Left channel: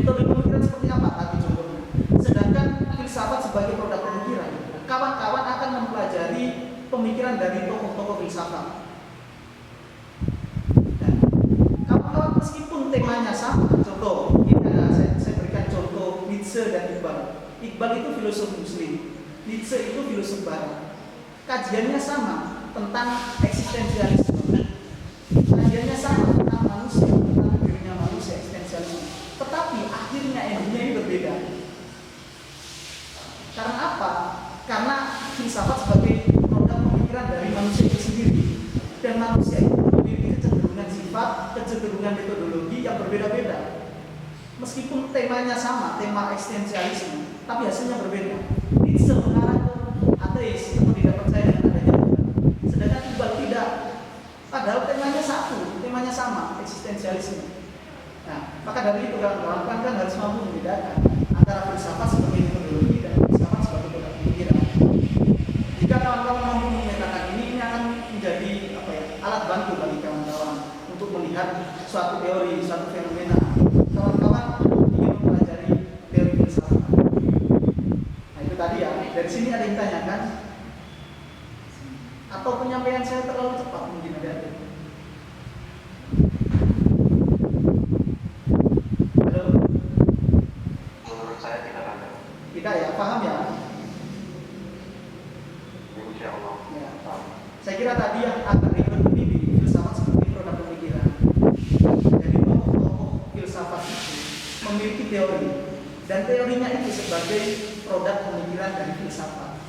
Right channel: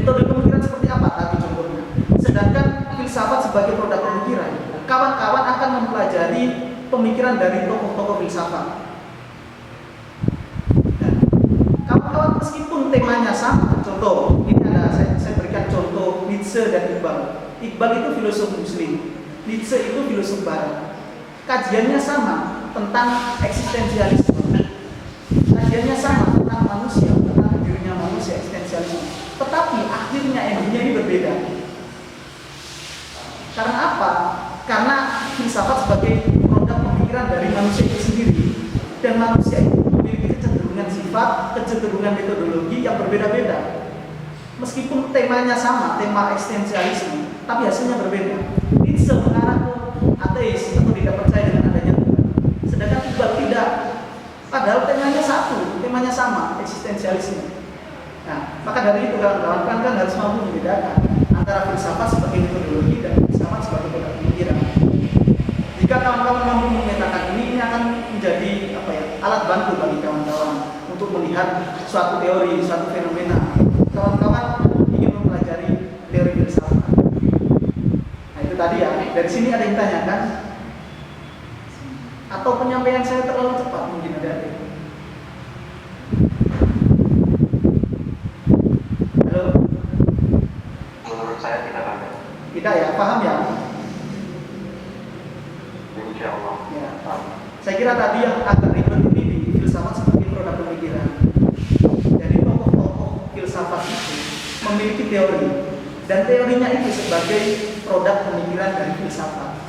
Metode pemikiran seperti apa tadi contohnya. Sedangkan filsafat sebagai produk pemikiran, kawan-kawan akan mempelajari pemikiran dari tokoh-tokoh filsafat. Dan kawan-kawan meskipun temanya sama, contoh ini ada saya berikan contoh Nietzsche dan Iqbal. Iqbal itu filosof Muslim, Nietzsche itu filosof Barat. Kajiannya sama tentang eksistensialisme. Kajiannya sama tentang manusia, tentang dirinya manusia, eksistensialisme. Tetapi akhirnya endingnya ini berbeda. Karena apa? Karena filsafat sebagai produk pemikiran dari manusia itu sendiri, dan manusia itu memiliki kecenderungan sifat, kecenderungan metodologi yang berbeda-beda. Meskipun temanya sama, tema eksistensialisme, tapi hasilnya berbeda. Nietzsche mengarah ke ateis atau tidak percaya dengan adanya Tuhan, sedangkan Iqbal tidak. Padahal temanya satu, temanya sama, eksistensialisme. Nah, maka dari itu kawan-kawan kan harus mampu membedakan antara filsafat sebagai metodologi dan filsafat sebagai produk pemikiran. Jika kawan-kawan mampu memetakan ini akan menjadi alat bantu bagi kawan-kawan untuk melihat suatu teori, suatu fenomena. Kawan-kawan ingin mempelajari teori filsafat. Nah, itu tadi ya. Dari sini ada yang tanyakan, atau penyampaian saya terlalu cepat mungkin ada. Halo? Menurut saya tidak ada. Tidak ya, paham ya? Insya Allah. Ya. Saya kira tadi yang agak ribet ini di filsafat sebagai produk pemikiran. Jadi tokoh-tokoh filsafat itu memiliki teori, dan teorinya itu sebagai produk pemikiran dari filsafat.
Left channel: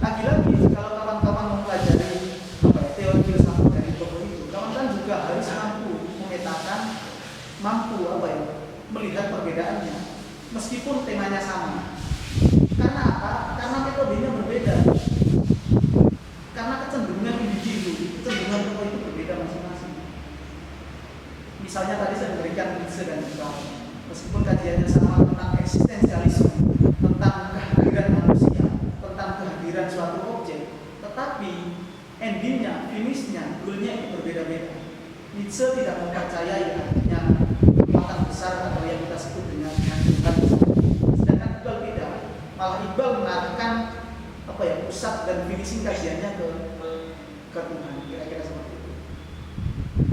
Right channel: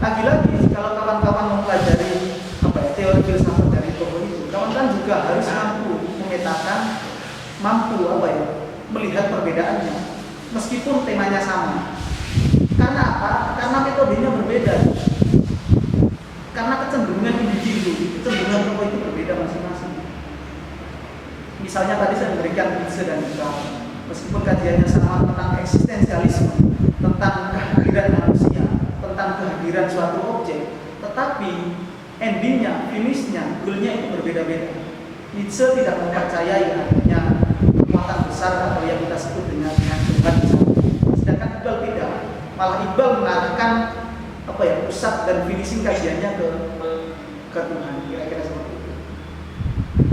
Lagi-lagi kalau kawan-kawan mempelajari teori filsafat dari tokoh itu, kawan-kawan juga harus mampu memetakan, melihat perbedaannya, meskipun temanya sama. Karena apa? Karena metodenya berbeda. Karena kecenderungan individu, kecenderungan tokoh itu berbeda masing-masing. Misalnya tadi saya memberikan Nietzsche dan Iqbal, meskipun kajiannya sama tentang eksistensialisme, tentang kehadiran manusia, tentang kehadiran suatu objek, tetapi endingnya, finishnya, goalnya itu berbeda-beda. Nietzsche tidak mempercayai adanya kekuatan besar atau yang kita sebut dengan Tuhan misalnya. Sedangkan Iqbal tidak. Malah Iqbal mengarahkan pusat dan finishing kajiannya ke Tuhan, kira-kira seperti itu.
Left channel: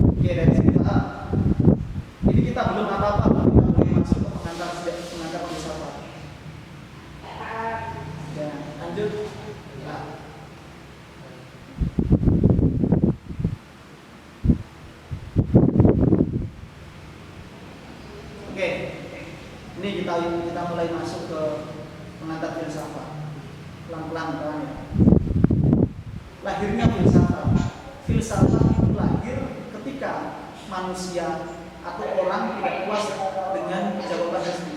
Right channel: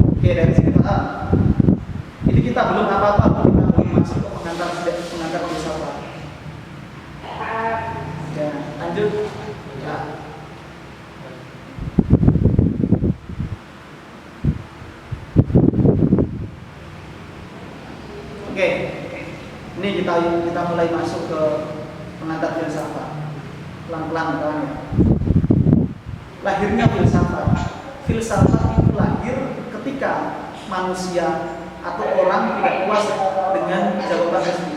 Oke, dari sini paham. Ini kita belum apa-apa, kita belum masuk ke pengantar filsafat. Ya, lanjut. Ya. Oke, ini kita mulai masuk ke pengantar filsafat. Pelan-pelan kawan ya. Lahirnya filsafat. Filsafat itu lahir ketika manusia atau orang tidak puas dengan jawaban resmi.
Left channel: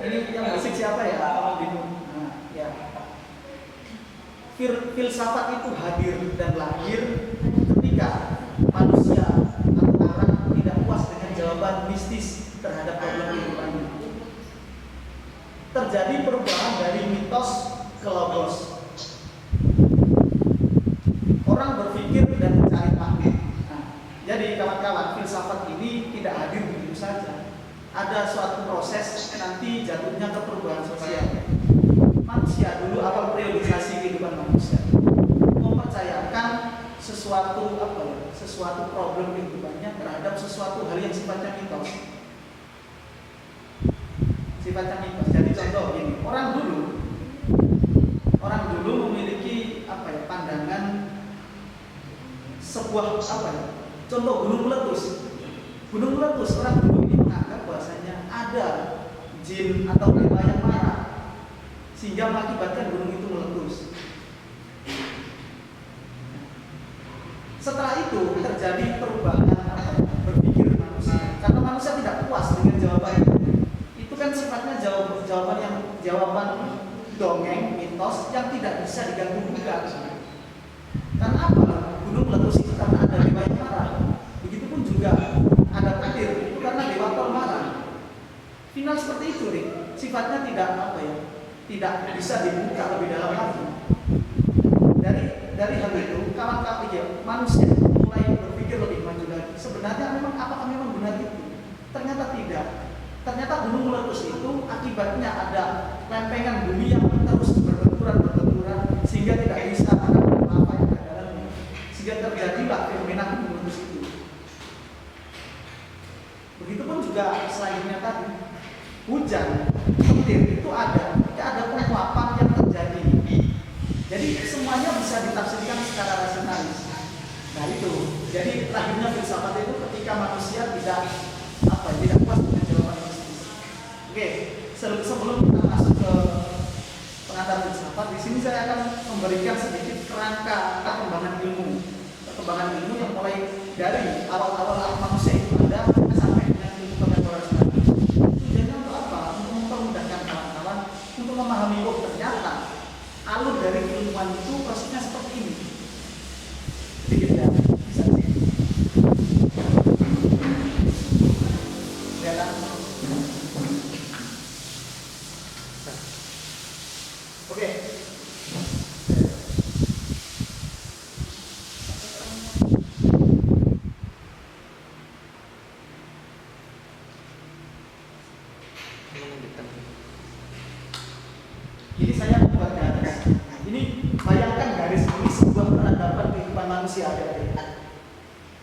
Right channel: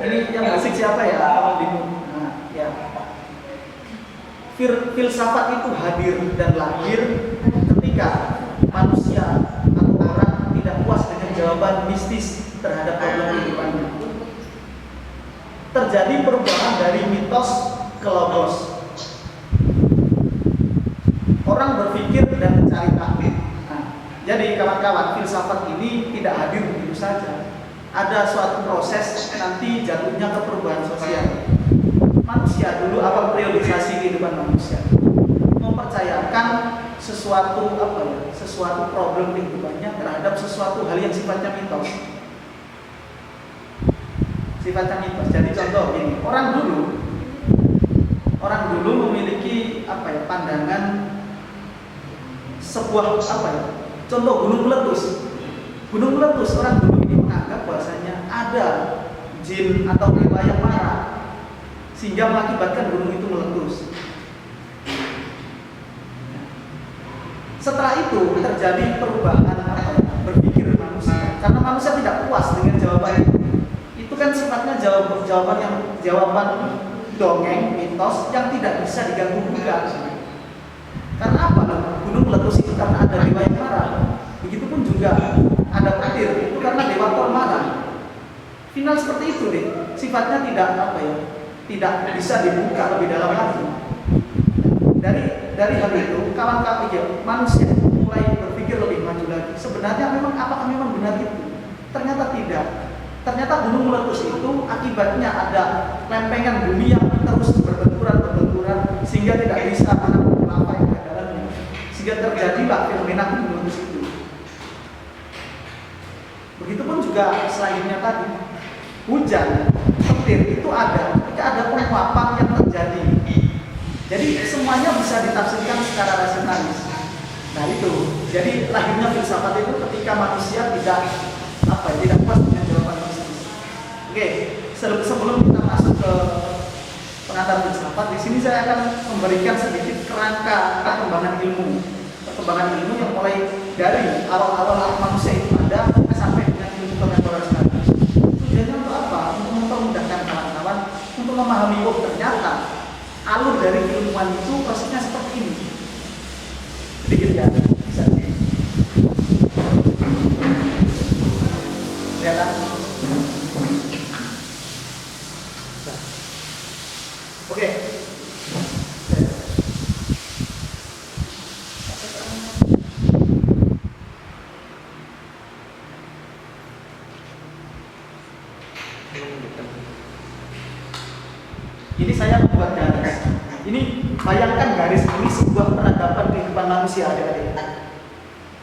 Ini yang berisik siapa ya? Kalau bingung. Nah, ya. Filsafat itu hadir dan lahir ketika manusia atau orang tidak puas dengan jawaban mistis terhadap problem kehidupannya. Terjadi perubahan dari mitos ke logos. Orang berpikir dan mencari tahu. Nah, jadi kawan-kawan, filsafat ini tidak hadir begitu saja. Ada suatu proses nanti jatuhnya ke perubahan sosial. Manusia dulu awal periodisasi kehidupan manusia mempercayakan sesuatu sesuatu problem kehidupannya terhadap sesuatu hal yang sifatnya mitos. Sifatnya mitos. Jadi contoh ini, orang dulu memiliki pandangan sebuah contoh gunung meletus. Gunung meletus, orang dulu ini menganggap bahwasanya ada jin atau dewa yang marah sehingga mengakibatkan gunung itu meletus. Setelah itu terjadi perubahan berpikir manusia, karena manusia tidak puas dengan jawaban itu. Itu kan sifatnya jawaban dongeng, mitos yang tidak bisa diganggu gugat. Karena apa? Gunung meletus itu karena ada dewa yang marah. Begitupun juga ada petir, itu karena dewa Thor marah. Final seperti itu deh. Sifatnya tidak bisa dibuka lebih dalam lagi. dari hal itu kawan-kawan manusia mulai berpikir lebih maju lagi. Sebenarnya apakah memang benar itu? Ternyata tidak. Ternyata gunung meletus itu akibatnya ada lempengan bumi yang terus berbenturan sehingga tidak bisa menampung lava yang ada dalamnya. Sehingga terjadilah fenomena gunung meletus itu. Begitupun juga selanjutnya tadi, hujan, petir itu ada ketika ada penguapan yang terjadi. Jadi semuanya bisa ditafsirkan secara rasionalis. Nah itu, jadi lahirnya filsafat itu ketika manusia tidak puas dengan jawaban mistis. Oke, sebelum kita masuk ke pengantar filsafat, di sini saya akan memberikan sedikit kerangka perkembangan ilmu yang mulai dari awal-awal manusia itu ada sampai dengan ilmu kontemporer sekarang. Tujuannya untuk apa? Untuk mempermudahkan kawan-kawan untuk memahami ternyata alur dari keilmuan itu prosesnya seperti ini. Sedikit ya, bisa sih. Kelihatan? Oke. Ini saya membuat garis. Ini bayangkan garis ini sebuah peradaban kehidupan manusia, adik-adik.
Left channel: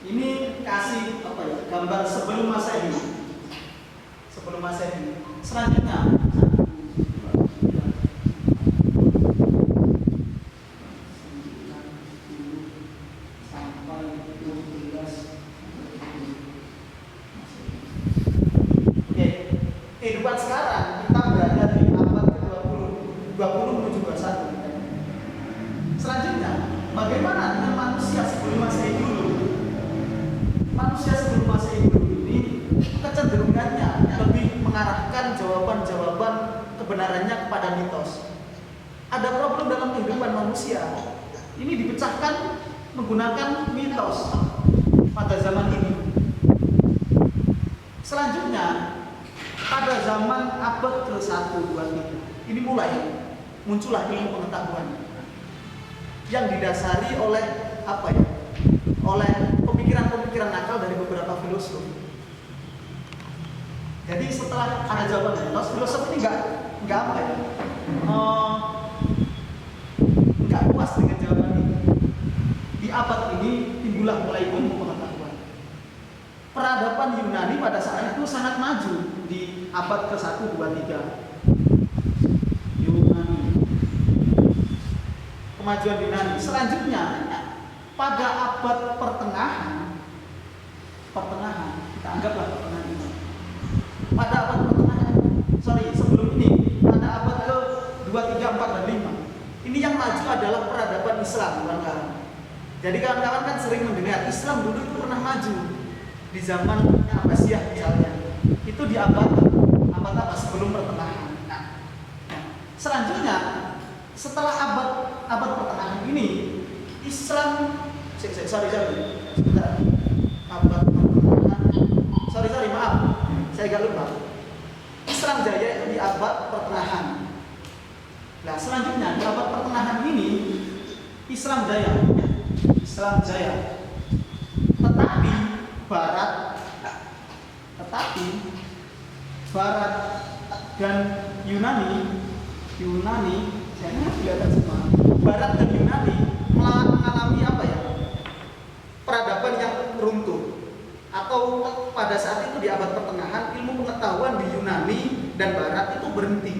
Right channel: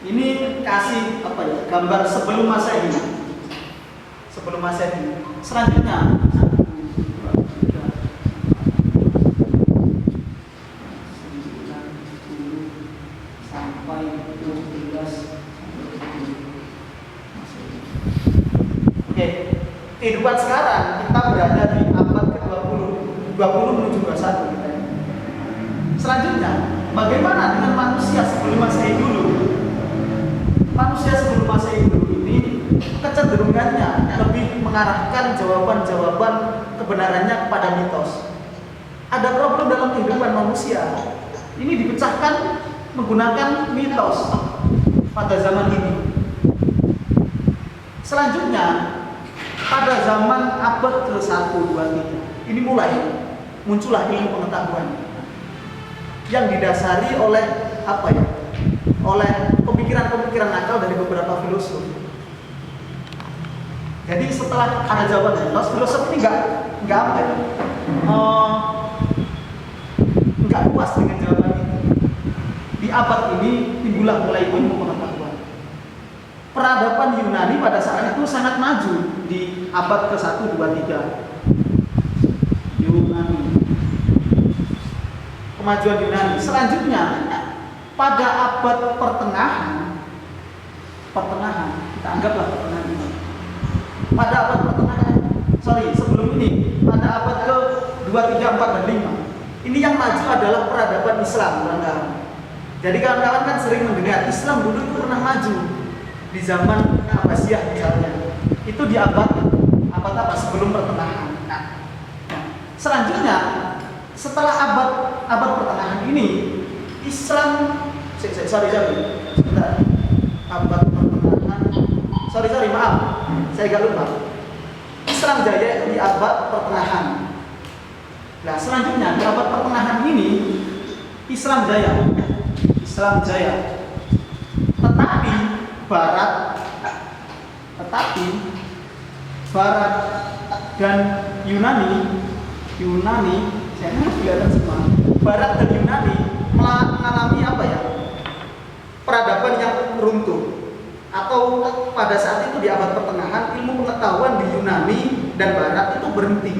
Ini kasih gambar sebelum Masehi. Selanjutnya sampai 12. Oke, kehidupan sekarang kita berada di abad ke-20 menuju 21. Selanjutnya, bagaimana dengan manusia sebelum Masehi dulu? Manusia sebelum Masehi dulu ini kecenderungannya lebih mengarahkan jawaban-jawaban kebenarannya kepada mitos. Ada problem dalam kehidupan manusia. Ini dipecahkan menggunakan mitos pada zaman ini. Selanjutnya, pada zaman abad ke-1, 2, 3, ini mulai muncullah ilmu pengetahuan yang didasari oleh oleh pemikiran-pemikiran nakal dari beberapa filosof. Jadi setelah ada jawaban filosof ini nggak puas dengan jawaban itu. Di abad ini timbullah mulai ilmu pengetahuan. Peradaban Yunani pada saat itu sangat maju di abad ke-1, 2, 3. Yunani. Kemajuan Yunani. Selanjutnya pada abad pertengahan, kita anggaplah pertengahan ini. Pada abad pertengahan, sebelum ini, pada abad ke-2, 3, 4, dan 5. Ini yang maju adalah peradaban Islam, kawan-kawan. Jadi kawan-kawan kan sering mendengar Islam dulu itu pernah maju di zaman Abbasiyah misalnya. Itu di abad sebelum pertengahan. Nah, selanjutnya setelah abad pertengahan ini Islam sebentar. Abad pertengahan. Maaf. Saya agak lupa. Islam jaya itu di abad pertengahan. Nah, selanjutnya di abad pertengahan ini Islam jaya. Tetapi Barat dan Yunani, saya kelihatan semua. Barat dan Yunani mengalami peradaban yang runtuh. Atau pada saat itu di abad pertengahan ilmu pengetahuan di Yunani dan Barat itu berhenti.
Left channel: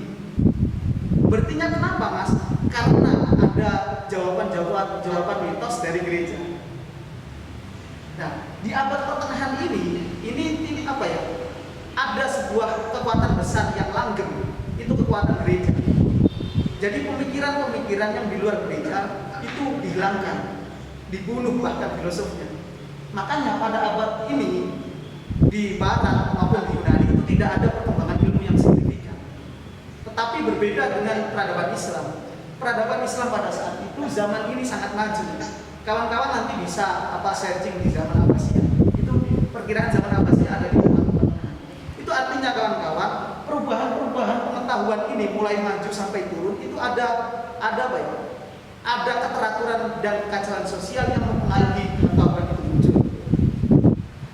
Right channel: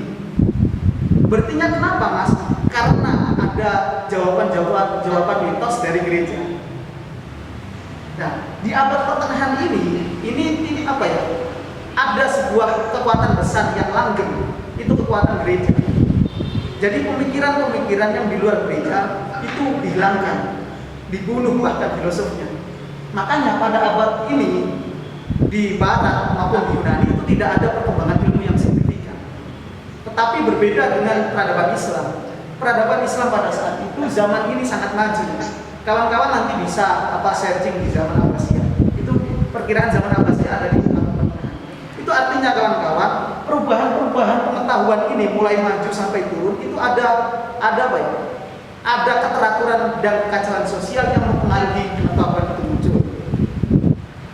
Berhentinya kenapa, Mas? Karena ada jawaban mitos dari gereja. Nah, di abad pertengahan ini ada sebuah kekuatan besar yang langgeng, itu kekuatan gereja. Jadi pemikiran-pemikiran yang di luar gereja itu dihilangkan, dibunuh bahkan filosofnya. Makanya pada abad ini di Barat maupun di Yunani itu tidak ada perkembangan ilmu yang signifikan. Tetapi berbeda dengan peradaban Islam. Peradaban Islam pada saat itu zaman ini sangat maju. Kawan-kawan nanti bisa searching di zaman Abbasiyah. Itu perkiraan zaman Abbasiyah ada di abad pertengahan. Itu artinya kawan-kawan, perubahan pengetahuan ini mulai maju sampai turun itu ada keteraturan keakuratan dan kekacauan sosial yang mempengaruhi pengetahuan itu muncul.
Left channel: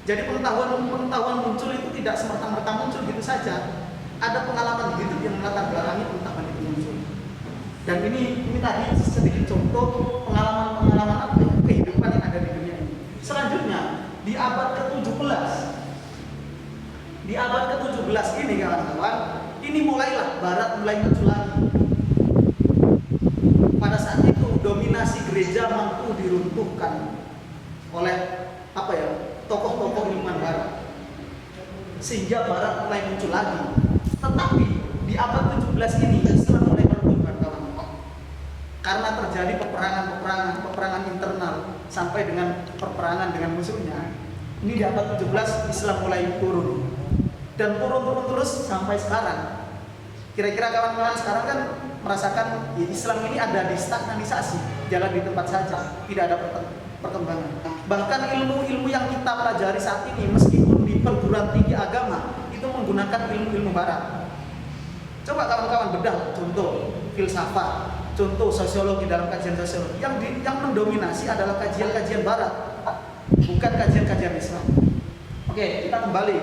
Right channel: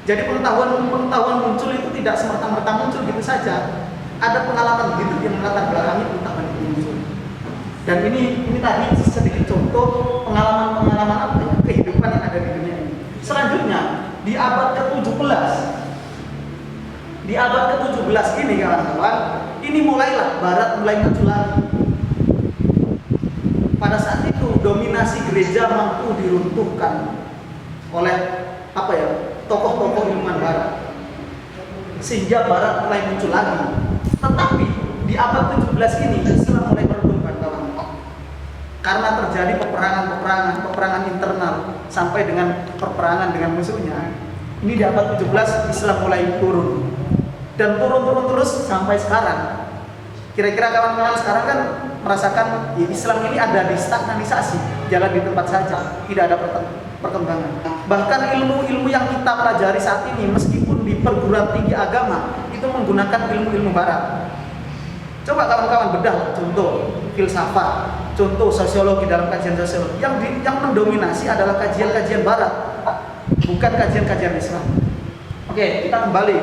Jadi pengetahuan muncul itu tidak semerta-merta muncul gitu saja. Ada pengalaman hidup yang melatar belakangi pengetahuan itu muncul. Dan ini tadi sedikit contoh pengalaman-pengalaman apa ya, kehidupan yang ada di dunia ini. Selanjutnya di abad ke-17 ini kawan-kawan, ini mulailah Barat mulai muncul lagi. Pada saat itu dominasi gereja mampu diruntuhkan oleh tokoh-tokoh ilmuwan Barat, sehingga Barat mulai muncul lagi. Tetapi di abad 17 ini Islam mulai meredup kawan-kawan, karena terjadi peperangan internal sampai dengan peperangan dengan musuhnya. Ini di abad 17 Islam mulai turun dan turun terus sampai sekarang. Kira-kira kawan-kawan sekarang kan merasakan ya, Islam ini ada di stagnanisasi, jalan di tempat saja, tidak ada perkembangan. Bahkan ilmu-ilmu yang kita pelajari saat ini, meskipun di perguruan tinggi agama, itu menggunakan ilmu-ilmu Barat. Coba kawan-kawan bedah, contoh filsafat, contoh sosiologi dalam kajian sosiologi, yang mendominasi adalah kajian-kajian Barat, bukan kajian-kajian Islam. Oke, kita kembali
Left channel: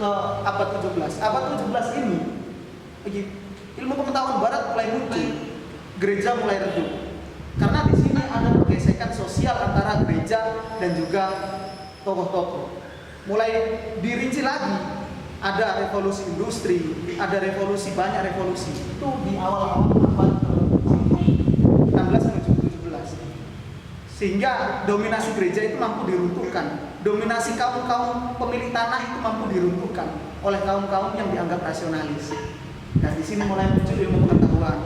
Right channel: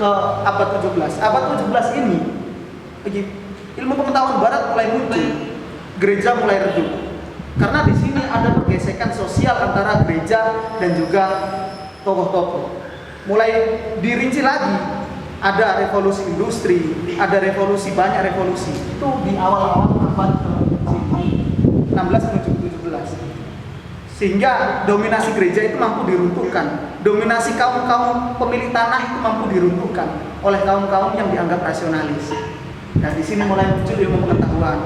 ke abad 17. Abad 17 ini ilmu pengetahuan Barat mulai muncul, gereja mulai redup. Karena di sini ada pergesekan sosial antara gereja dan juga tokoh-tokoh. Mulai dirinci lagi, ada revolusi industri, ada banyak revolusi. Itu di awal-awal abad ke-16 menuju 17. Sehingga dominasi gereja itu mampu diruntuhkan. Dominasi kaum-kaum pemilik tanah itu mampu diruntuhkan oleh kaum-kaum yang dianggap rasionalis. Nah, di sini mulai muncul ilmu pengetahuan.